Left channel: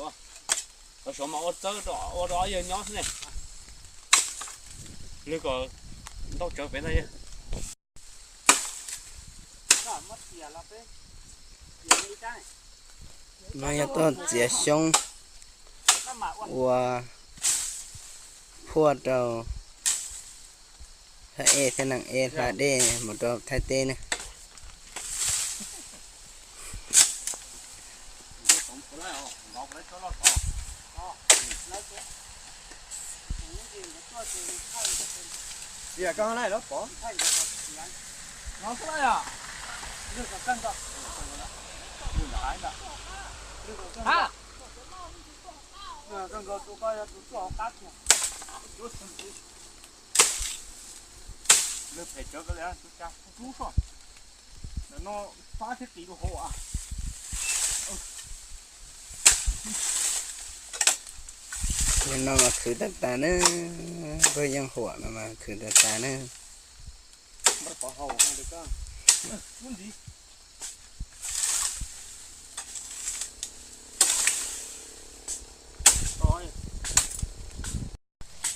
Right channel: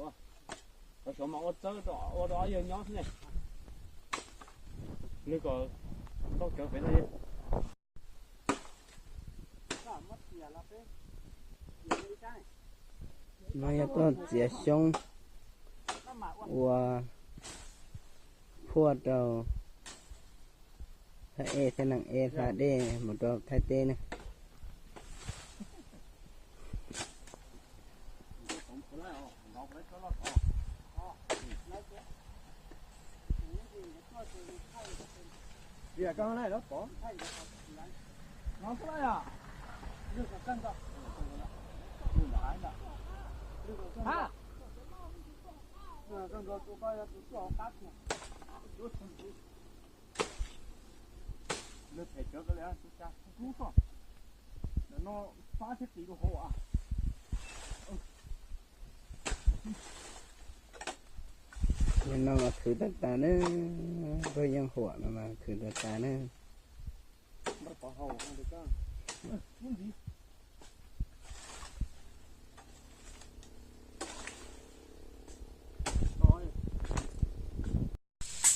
đó có số mà ô đó giờ nhó thế này nếu có tao trở về đây nó nhà tôi chỉ xong và phua đầu thay thế nặng là D một đầu thay T này gì à con này đó bỏ nó cái này à được cả cân rồi ha cân rồi tụi coi tụi cho cắt nhỉ nước phải cho cái đấy tụi cha chú không nó phá thế tí đồ hộ à nhưng nó mà khử đất ta nữa với dân hộ nó mà khử đất ta nữa bắt bỏ hậu không được không muốn gì rồi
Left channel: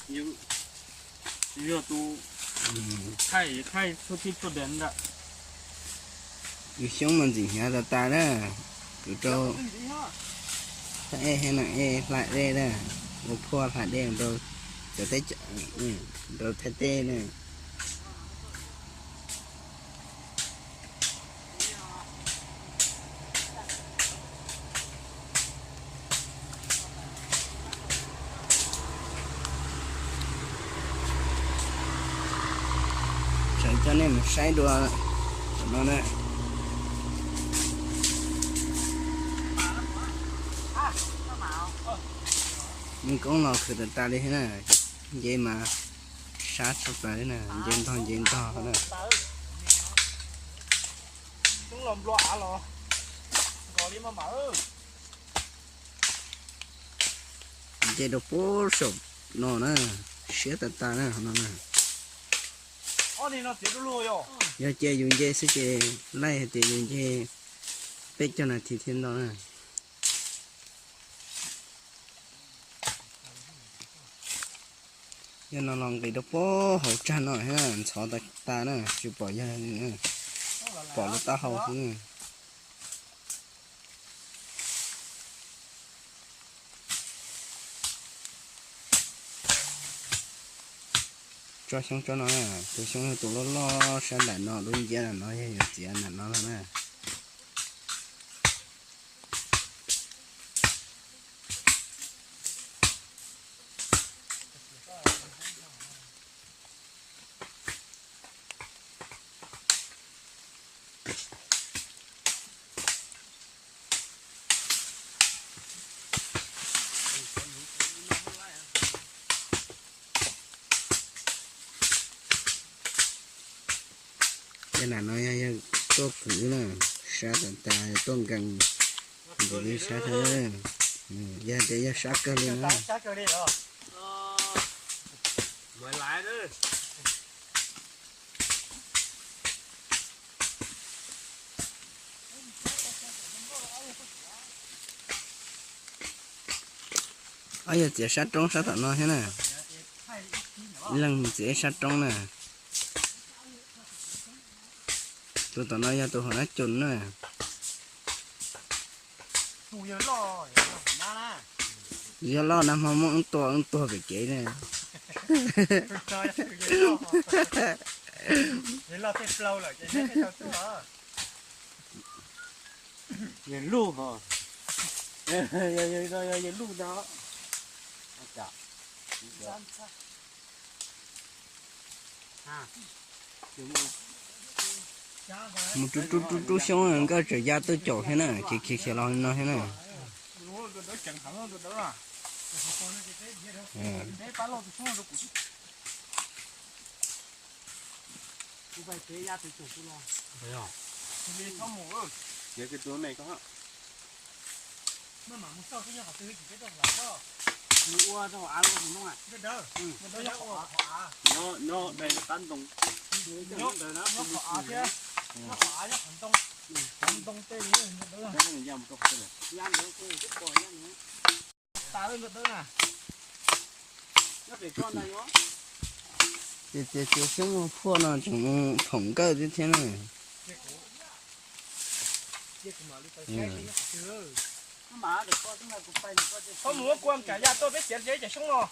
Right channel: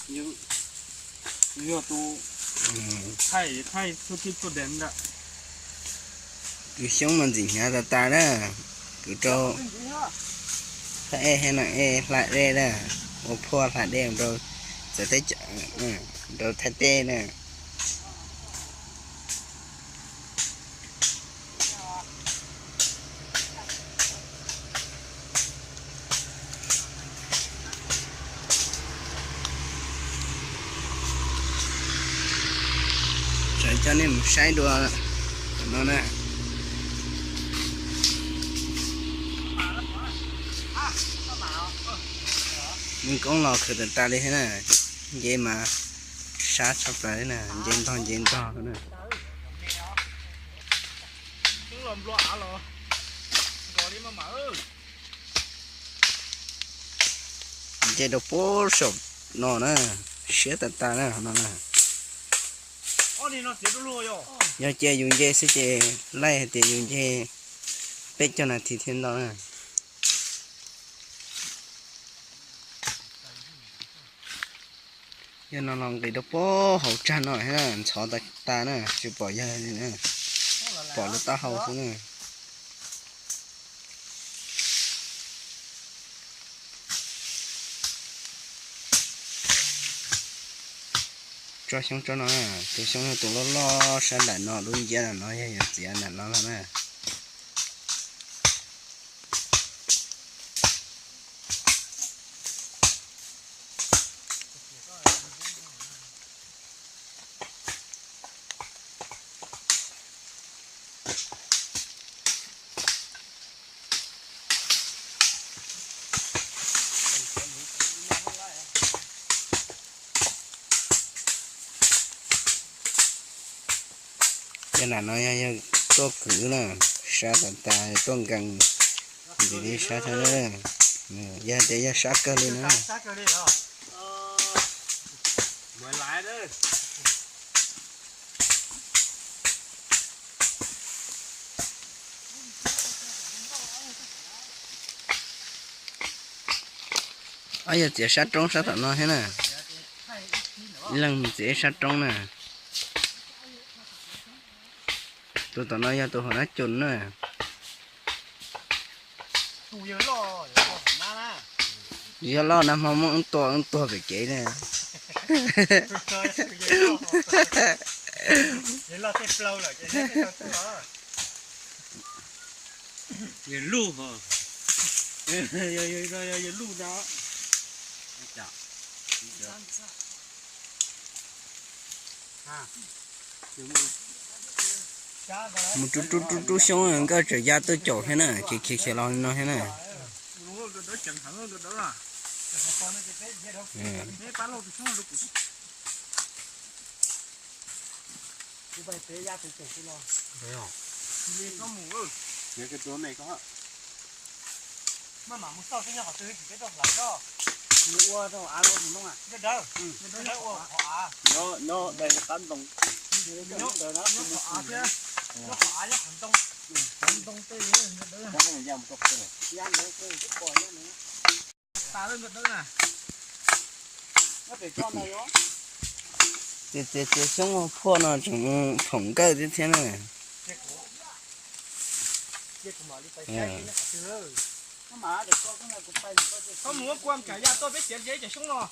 như giờ tụ khai số tiếp số đến đó cứ sống mà gì nhà ta đó cứ cho thay hay nặng lại đây đó một phua lại đây rồi sẽ thấy rồi thay T nè cho nên một sai đùa nó nè nhưng con lò khử được ta đi thế này vậy mà sát sắp lại nè dên to nè dây đồ bố sụp nó nè xé ta nè nó nè giờ chơi dùng dây sẽ chơi lấy thì dùng dây bết cho nó thì thiên đó nè giờ nó lòng cái đó bố hậu tràn nổi ha xóa ta nè chịu bỏ ra nè bỏ nó ta hậu xuống nè cho xong cho nó từ xong tụi nó lo sang đại nó luôn giá là nó hay gì là nó là nè cái là nó có cử là sát ta tuân cần để đi sát thế giờ để cho sát cơ lên nữa mới lái đấy bây giờ chỉ sát trong sát tận nó thế nè lần chỉ sát trong nè tụi tao nói tụi họ nói chuẩn nè giờ lo nằm không muốn to cái chế nè giờ lu hả giờ lu đó một chút xong cái trở ra tôi chỗ thế này khi lo nó thế này cái chỗ này có mua đâu ăn luôn đúng không ạ? Nó đây là tán đồng. Nó khó chứ. Nó khó chứ hành tông tê nữa. Nó là một cái. ta lên đỡ nè nó để con này đó Để xong phô nó chúng phồng cơ thế thế này mà được con cái này cũng phải có muốn quan cả nhà tôi biết chuyện giấy chạy xuống nó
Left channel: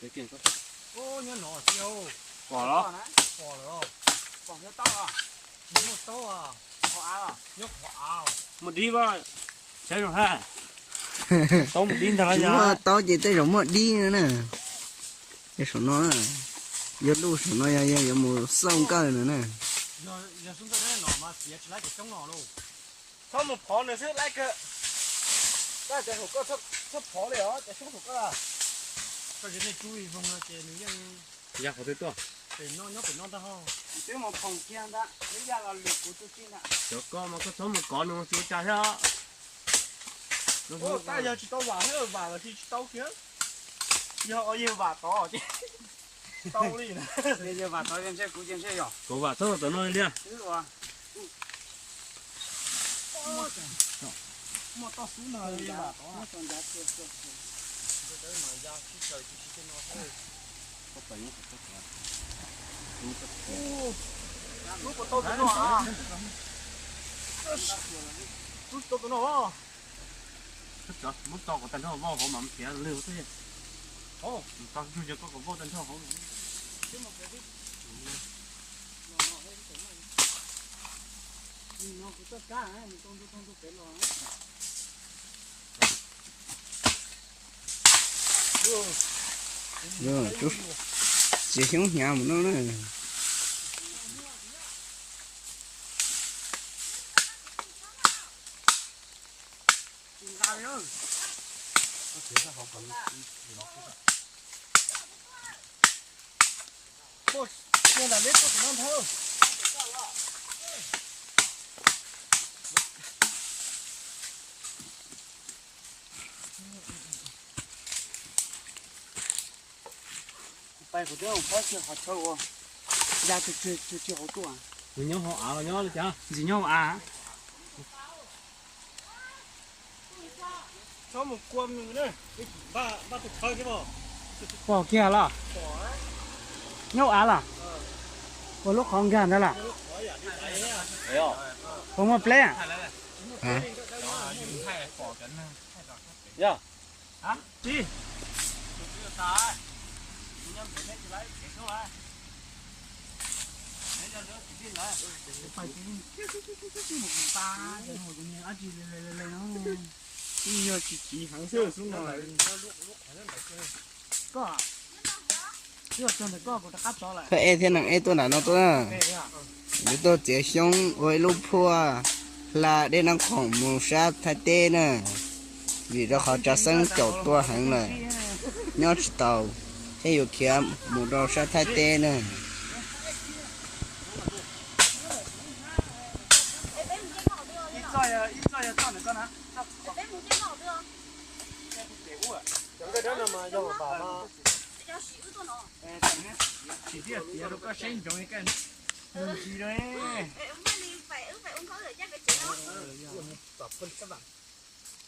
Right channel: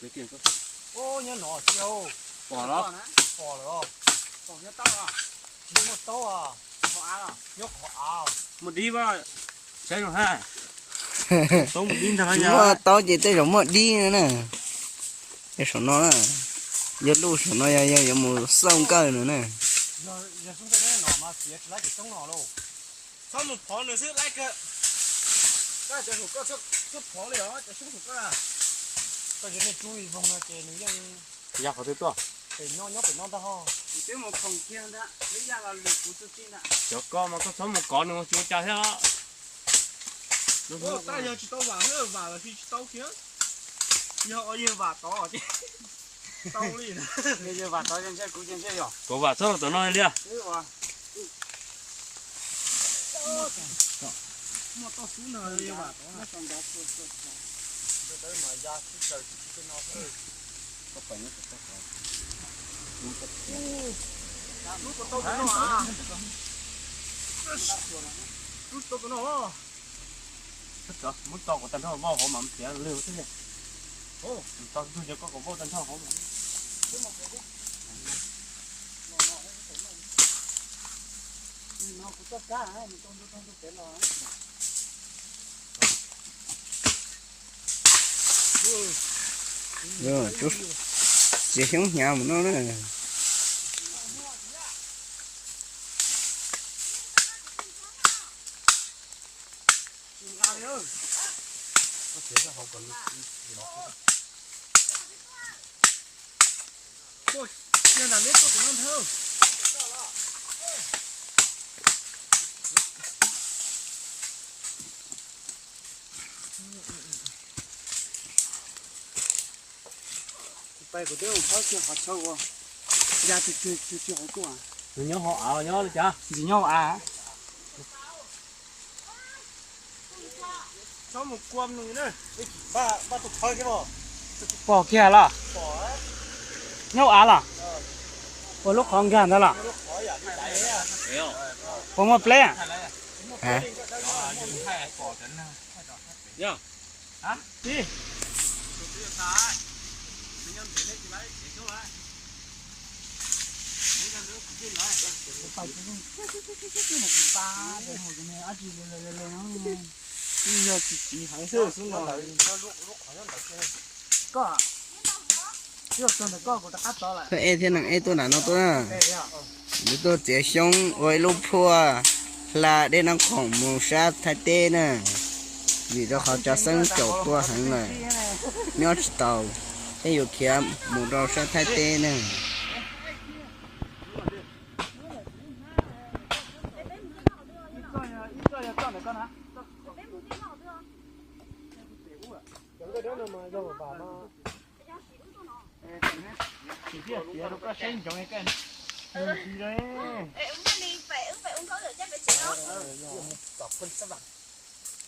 cái tiền có ô nhớ nọ chiều bỏ đó bỏ rồi bỏ nhớ tao à nhớ tao à họ à nhớ họ à một đi vào chơi rồi ha tao một đi thằng chúng nó tao chỉ tới giống một đi nữa nè cái số nó là giờ lúc số nó giờ một xong cơ nữa nè giờ xuống tới nọ mà xía lại cái trong nọ luôn sau một phó nữa xứ lại cái cái hộp có sắp phó đấy đó cái xuống hộp cái là cái này chú ý vùng cái nàyยังอยากเขาด้วยตัว phải nó phải non ta ho cái một phòng kia đã bây giờ là lực của tôi xin ạ เดี๋ยวก็มันก็สมมติก่อนนึงจูจ่าใช่ไหมลูก ô cái giờ chỉ tao vào hết vào là khi tao kia giờ ở giờ vào to chứ tao đi nè bây giờ vào tới trên xe cũ trên xe nhỏ กูว่าสมมติตัวน้อยเนี่ย thế rồi mà tao xí nợ đi mà nó còn đã chưa đấy mà ra cái trời cái nó thôi ก็ไปเนี่ยก็ขอ lúc của tôi cái nó à lúc tôi cái nó ถ้าจะมุดตอกกับตันเท่าว่าเขาหมั่นเสียเร็วใช่ไหมโอ้ตอนดูจะก็กับว่าตันเท่าเขา nó cũng tất cả mình không thể lo rồi chút chỉ xuống nhà mà nó nữa có thể là họ còn lót tiền là biết tôi non thơ bay của tôi phải chưa họ sâu ra thì chưa họ tua nhớ họ nhớ là cha gì nhau à cho một quâm nữa này ba tụt thôi chứ bộ bỏ kia là bỏ đấy nhau à là ôi lúc không kia đó là không có play à hả dạ hả đi giờ chỉ hàng sơ xuống là có chưa còn được có của ta cắt đó lại thế em thế nào em tôi là nó tôi à nếu tôi chỉ xong với lúc phua là để nó khổng một sát thay tê nè vì đó họ cho sân chậu tua hẳn này nhớ tàu hay有kia một đầu sát thay tê nè ít rồi cho được con hả chỉ biết tiền nó có sinh trong cái người gì đấy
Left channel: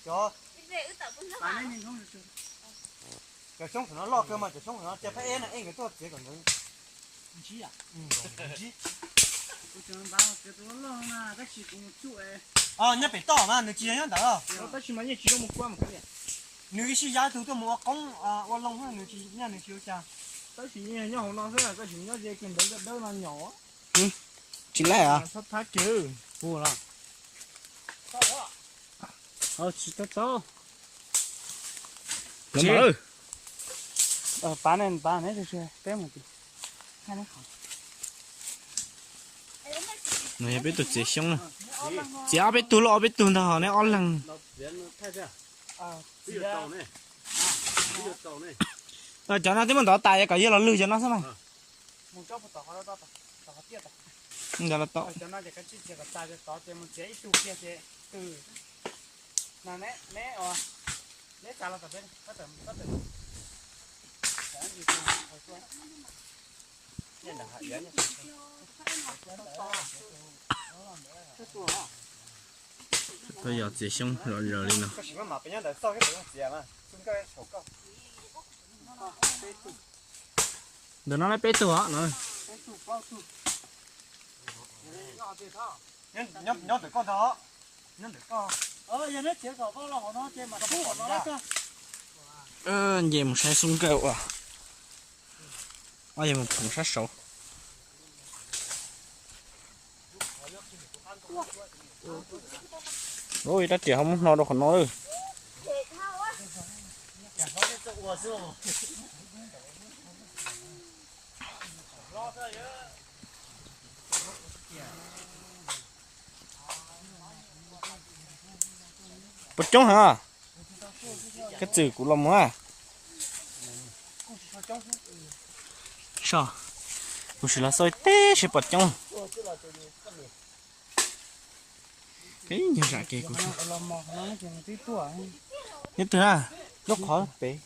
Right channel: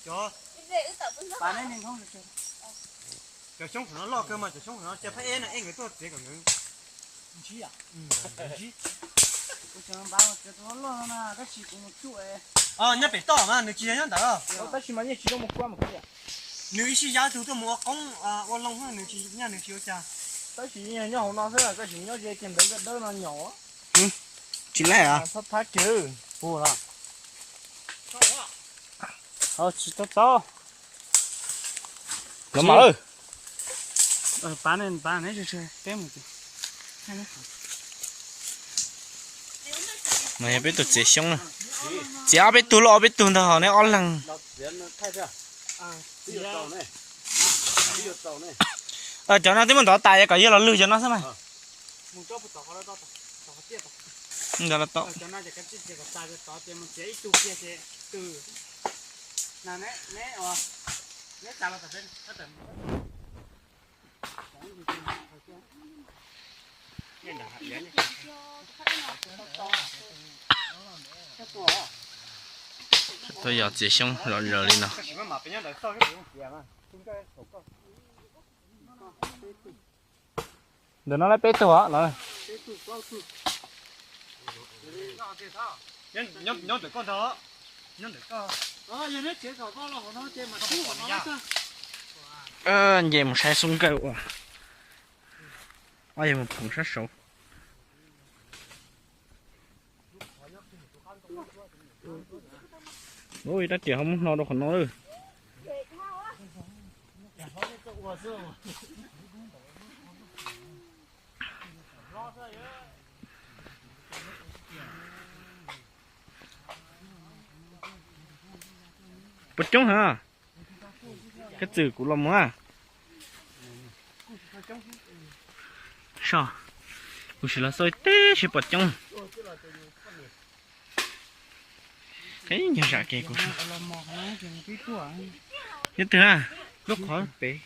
cho bạn ấy mình không được cái sống của nó lo cơ mà cái sống của nó chỉ phải em là em người tôi chỉ còn người chí à chí nhớ phải to mà người chỉ nhớ đó ta chỉ mà nhớ chỉ có một quan một cái người chỉ giá từ tôi mua công ô long hơn người chỉ nhà người thiếu cha ta chỉ nhớ hôm nào thế là ta chỉ nhớ về tiền đấy cái đó là nhỏ chỉ lại à thắt thắt chứ bù là chỉ to lắm ơi bán này chơi cái một cái này biết tụt chỉ xong nè chỉ biết tụt lo biết tụt thằng này on lằng cho nó tới mình đỏ tài cái gì là lừa cho nó xem mày giờ là to tôi giờ chỉ xong rồi rồi đi nào. cái gì mà bây giờ đợi sau cái gì mà chúng cái sổ câu Đừng nó lấy bê tu hả nó. nhớ được con đó nhớ được con giờ nó chế khẩu bao là của nó chế mà thu của nó chứ. Về một sai súng kêu à. Ôi một thùng sát sổ. Ôi đã kiểu không nó đâu còn nó nữa. Bật trống hả? Cái chữ của lòng á. Sao? Cũng chỉ là soi té chỉ bật trống. Cái gì ra kia của sao? Nhất thứ à? Lúc khó bé.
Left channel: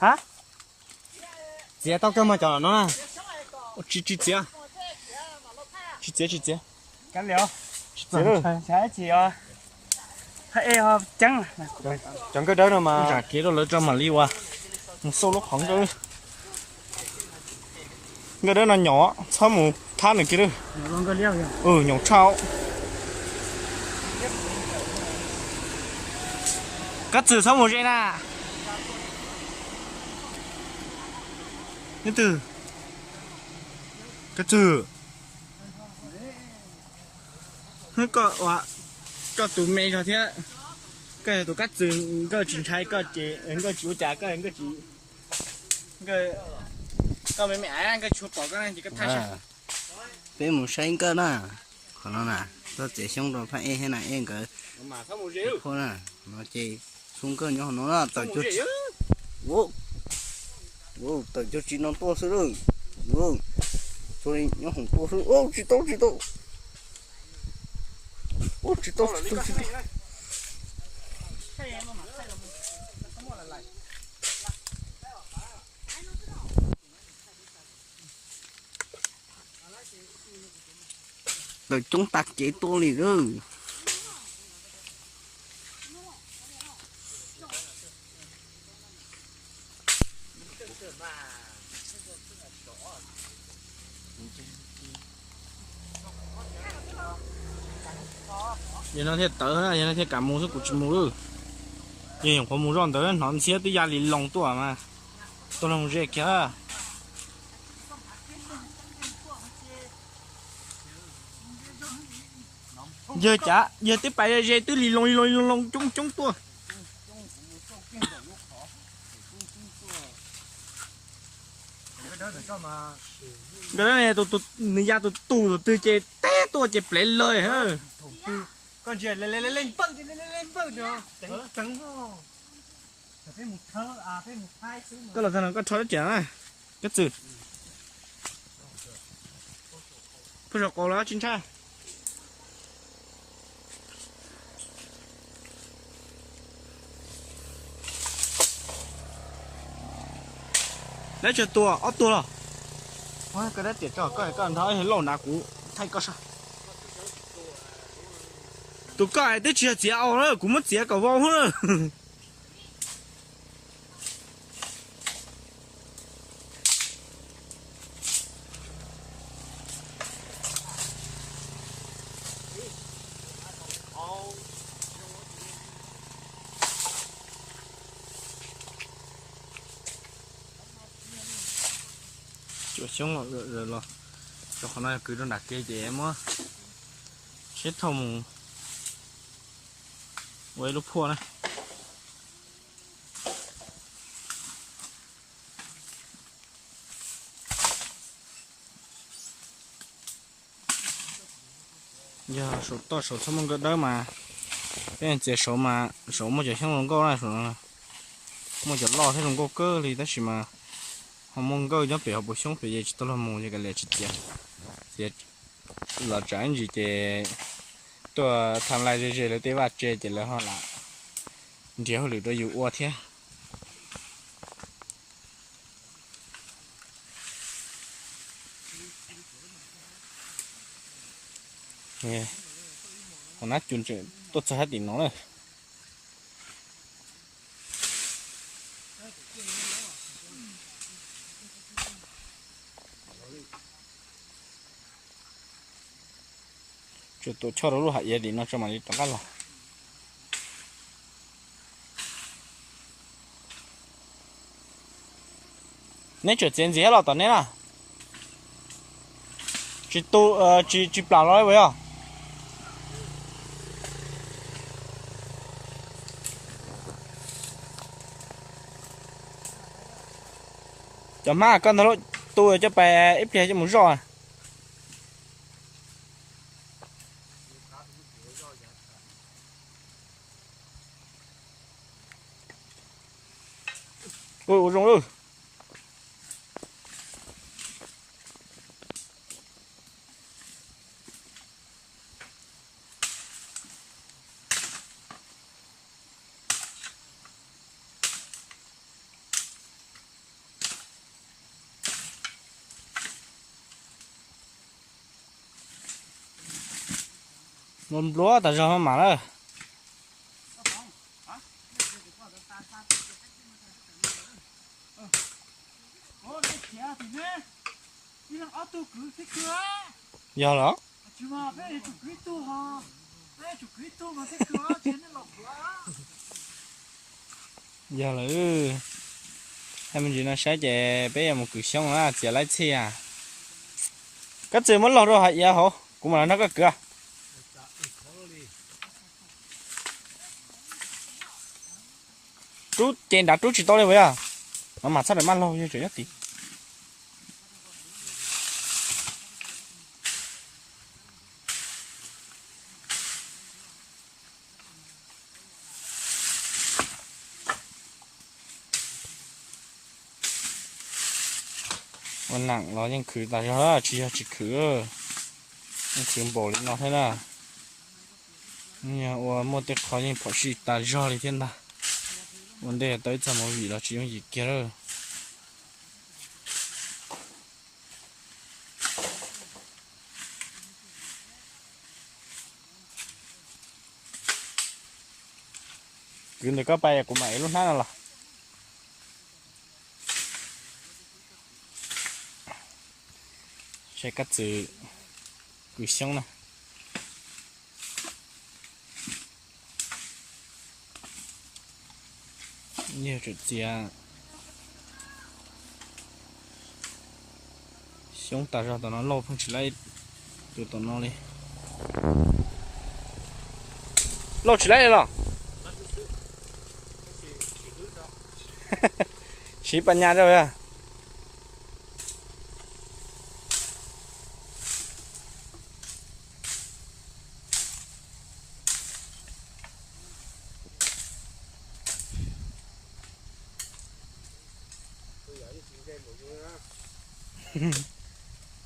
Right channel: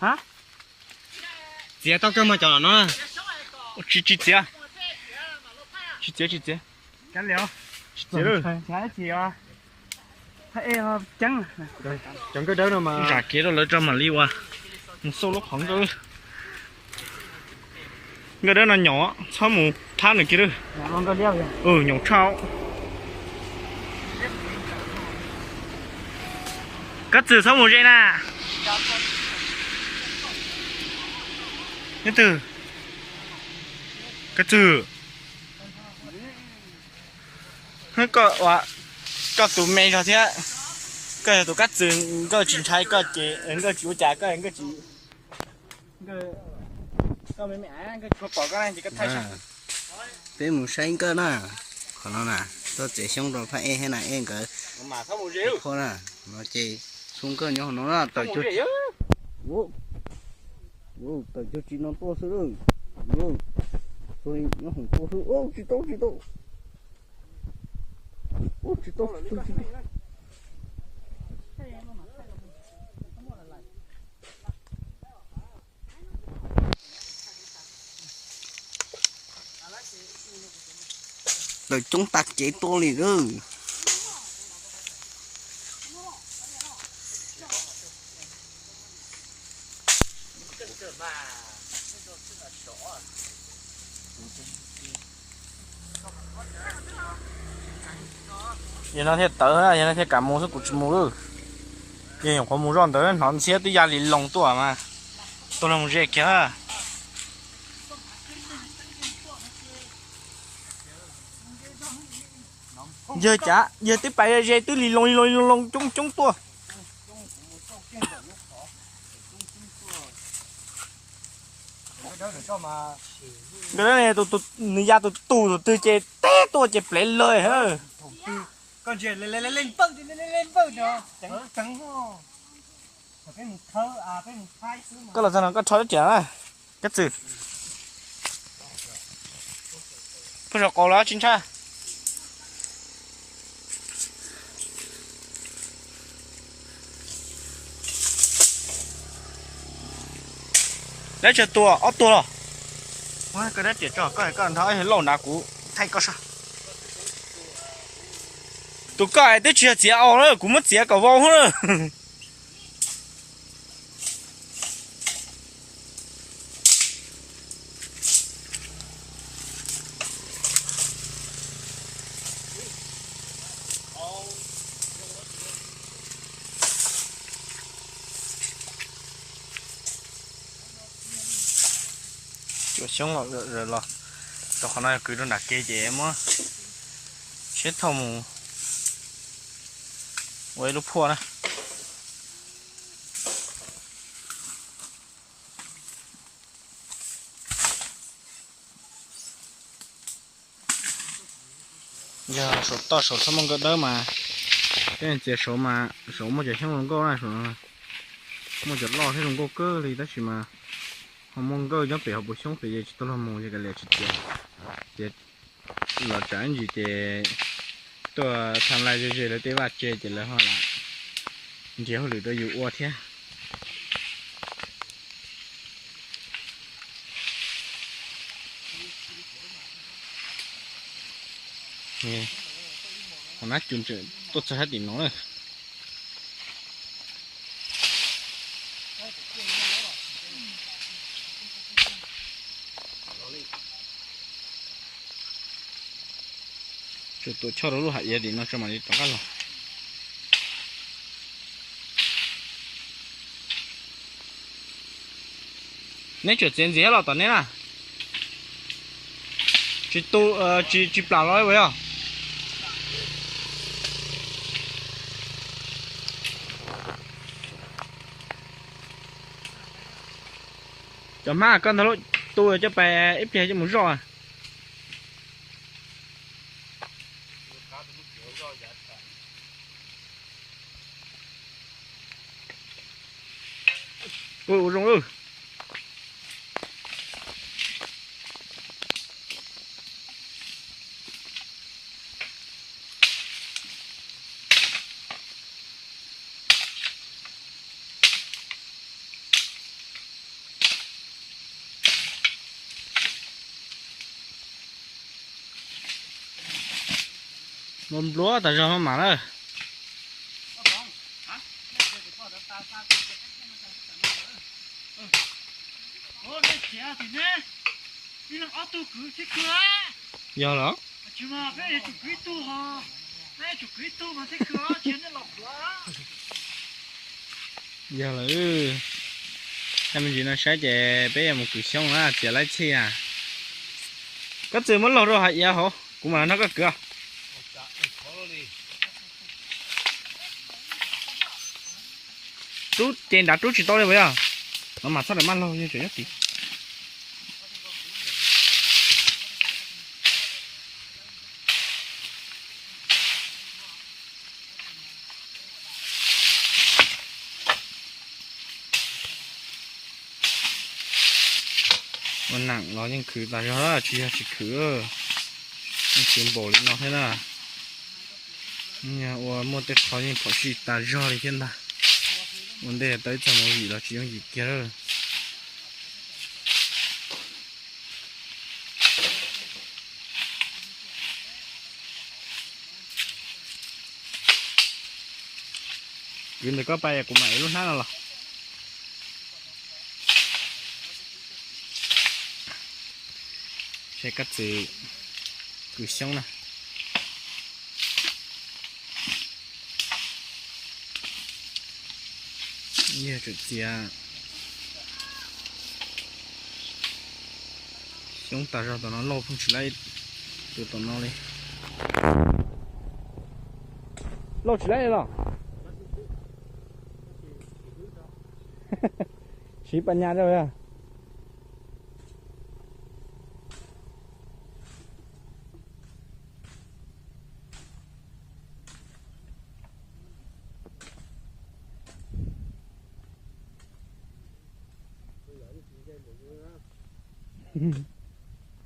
Hả? chị tao cơ mà chờ nó Chị à? Chị. cắn liều Chị ơi. trái chị à thấy em trắng chẳng cái đó đâu mà Ra kia đó lấy cho mà đi qua. Một số lúc khoảng cơ. Cái đó là nhỏ, sao một than này kia đó. nó luôn có liều vậy Nhỏ trao. Cắt chữ sao một vậy nè. Nhất từ. Cắt chữ. Hơi có tụi mày rồi thế. Cái tụi cắt chữ, cái chính trái cái chú trả cái chỉ. Cái mấy mẹ cái chú bỏ cái này thì cắt thay xong. Bé một sáng cơ nè. Còn nó nè, tôi chỉ xong rồi phải thế này em cái. Mà sao một rượu. Thôi nè, nó chỉ xuống cơ nhỏ nó là tao chút. Wow, tao chút chỉ nó to sữa rồi. Wow, rồi nó không to sữa. Ô, chỉ to. Ô, chỉ to. Rồi chúng ta chỉ to liền rồi. Giờ nó thiệt tớ ha, giờ nó thiệt cả mua sức của chúng mua. Giờ những con mua ròn tớ nó sẽ tới gia đình lòng tuổi mà. Tôi làm gì kia. Giờ tiếp bài ra tới lì lông chung tua. cái đó để cho mà Cái đó này người ta tụ chơi té tua chơi play lời hả. thủ tư con chuyện lên bưng nữa trắng ho cái một thơ cái một hai xứ mà Cái là sao nó có thói chả à. Cái gì? Bây giờ có lá chín cha. Đấy chờ tua, ót tua rồi. Ôi, cái đấy chỉ cho cái anh thấy lẩu nà cũ thay có sao? Tụi cái đấy chỉ chế ảo nữa, cũng mất chế cả vào nữa. Chỗ sống rồi lo. Tao hôm nay cứ nó đặt kia chị em á. Chết thông. Ôi lúc phua nè. Giờ số to số thâm cái đó mà. Cái này chỉ số mà số một chỉ không có là số một chỉ lo thế không có cơ thì đó chỉ mà họ mong cơ nó bị họ bổ sung phải chỉ tôi làm một cái lệ chỉ là chẳng gì thì tôi tham lại rồi là tôi bắt chơi chỉ là họ là chỉ họ lựa tôi dụ qua thế nè còn nát chun chơi tốt cho hết thì nó này chút tôi cho nó luôn hạt gì thì nó cho mà đi tao cắt rồi nếu chuyện gì gì hết là tao nè à chỉ tôi chỉ bảo nói với à cho má con thằng tôi cho bé ít cho muốn rồi ôi rong ơi mồm lúa tại sao không mà đó ô này chè thì nè đi làm ô tô cứ thích cửa giờ đó chứ mà cái chủ quý tu hả cái chủ quý tu mà thích cửa chuyến này lọc cửa giờ là em mình chỉ nói sẽ về bây giờ một cử xong là chỉ lấy chi à có gì muốn lột rồi hả giờ hả cũng là nó có cửa chú trên đã chú chỉ to lên với à nó mà sao lại mang lâu như chuyện nhất thìมันหนังเรายังคือแต่เราchỉคือยังคือbộ nó thế nào nhà ô mua tết khó nhưng phải chỉ ta do đi thiên ta vấn đề tới cho mọi gì đó chỉ dùng gì kia thôi cứ được có bay của mày luôn ha là sẽ cắt gì cứ xong nè như thực chia xuống ta ra tụi nó lâu không chỉ lấy từ tụi nó đi lâu chỉ lấy rồi chỉ ban nhà rồi à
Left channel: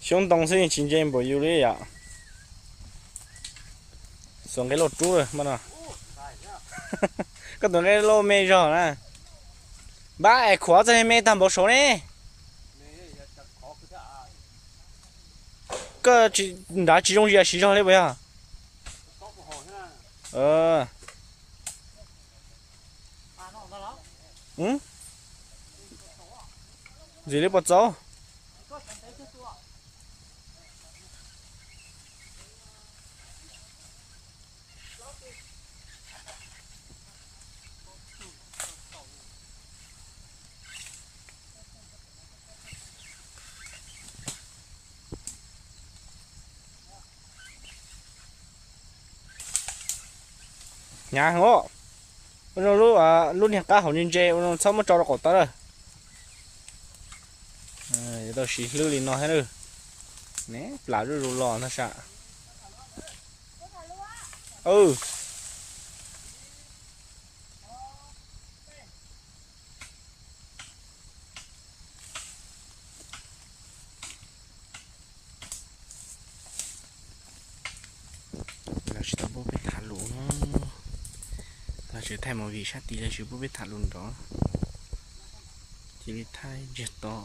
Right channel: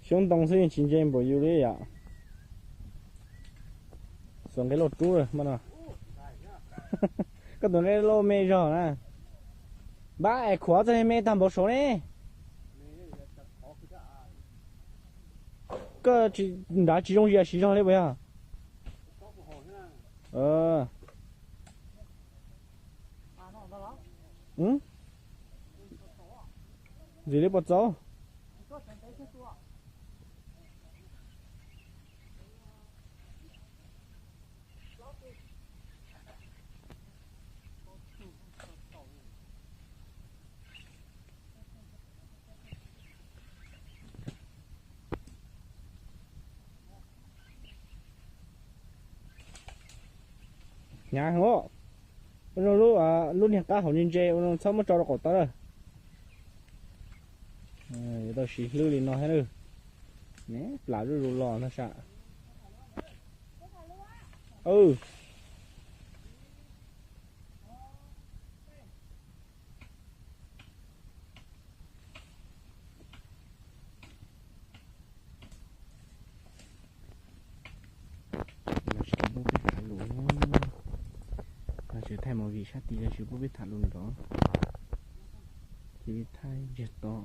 xuống đông sinh chính trên bộ yêu đấy à xuống cái lột chú rồi mà nào cái tụi này lô mê rồi nè ba ai khóa cho mê tầm bộ số này cái chỉ đã chỉ dùng gì chỉ cho đấy bây à ừ gì đấy bớt dấu nhà ngô lúc lúc hiện cá hậu nhân dê lúc sau mới cho nó cột tới rồi đó xí lưu liền nó hết rồi nè lá rồi lò nó sợ ừ sẽ thay một vị sát tí là chứ bố biết thả luôn đó thì đi thay giật to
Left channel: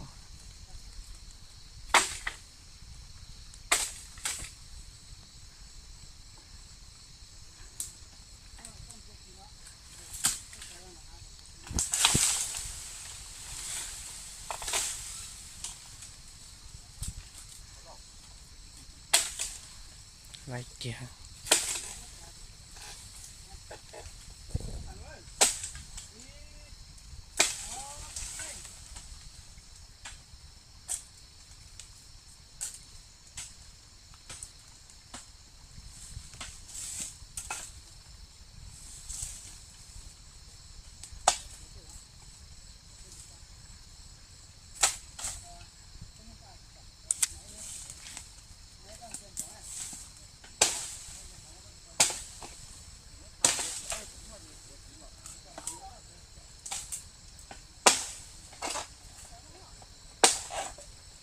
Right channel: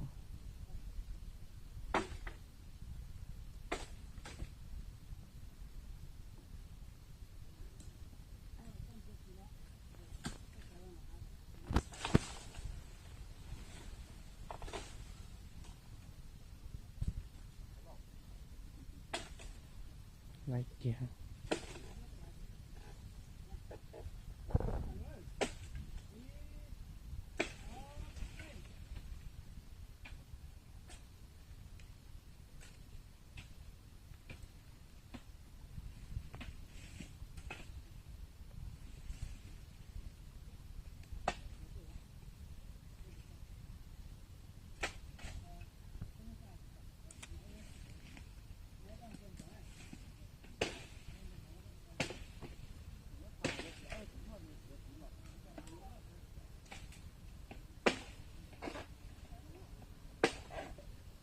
lại kìa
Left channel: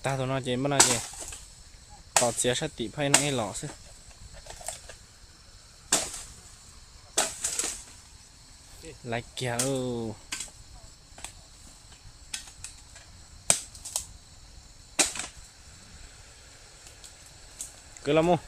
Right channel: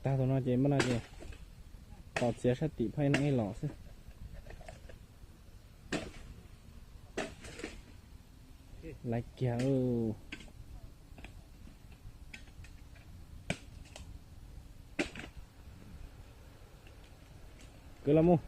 ta tụi nó chỉ mất là gì họ chia sát tị phải nó lỏ chứ lại kìa cứ làm không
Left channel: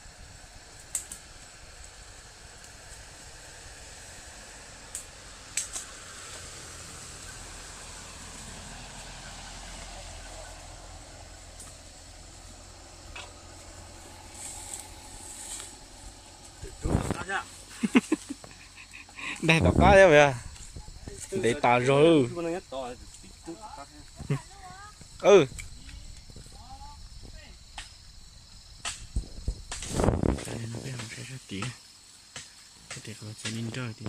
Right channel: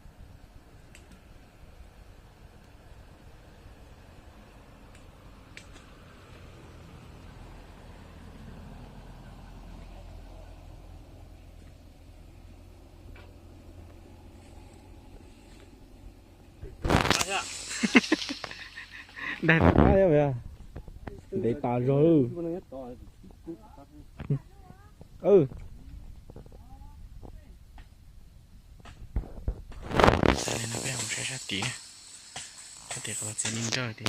đây là quá đấy vậy để tao rồi ta nên nó biết không sẽ sát tí có thể có sẽ ninh trời tí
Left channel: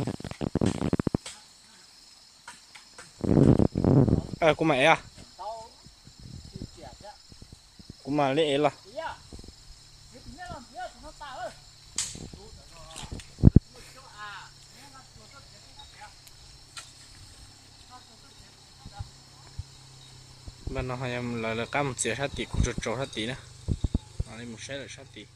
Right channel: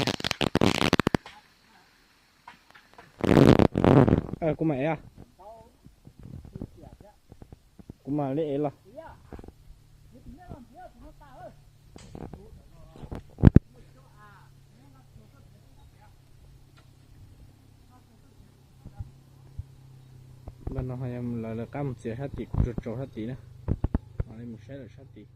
của mày à của mà lẽ là bên nó hay là cam một chiếc sát tí cũng trộn sát tí nữa, nó lên một xe là sát tí.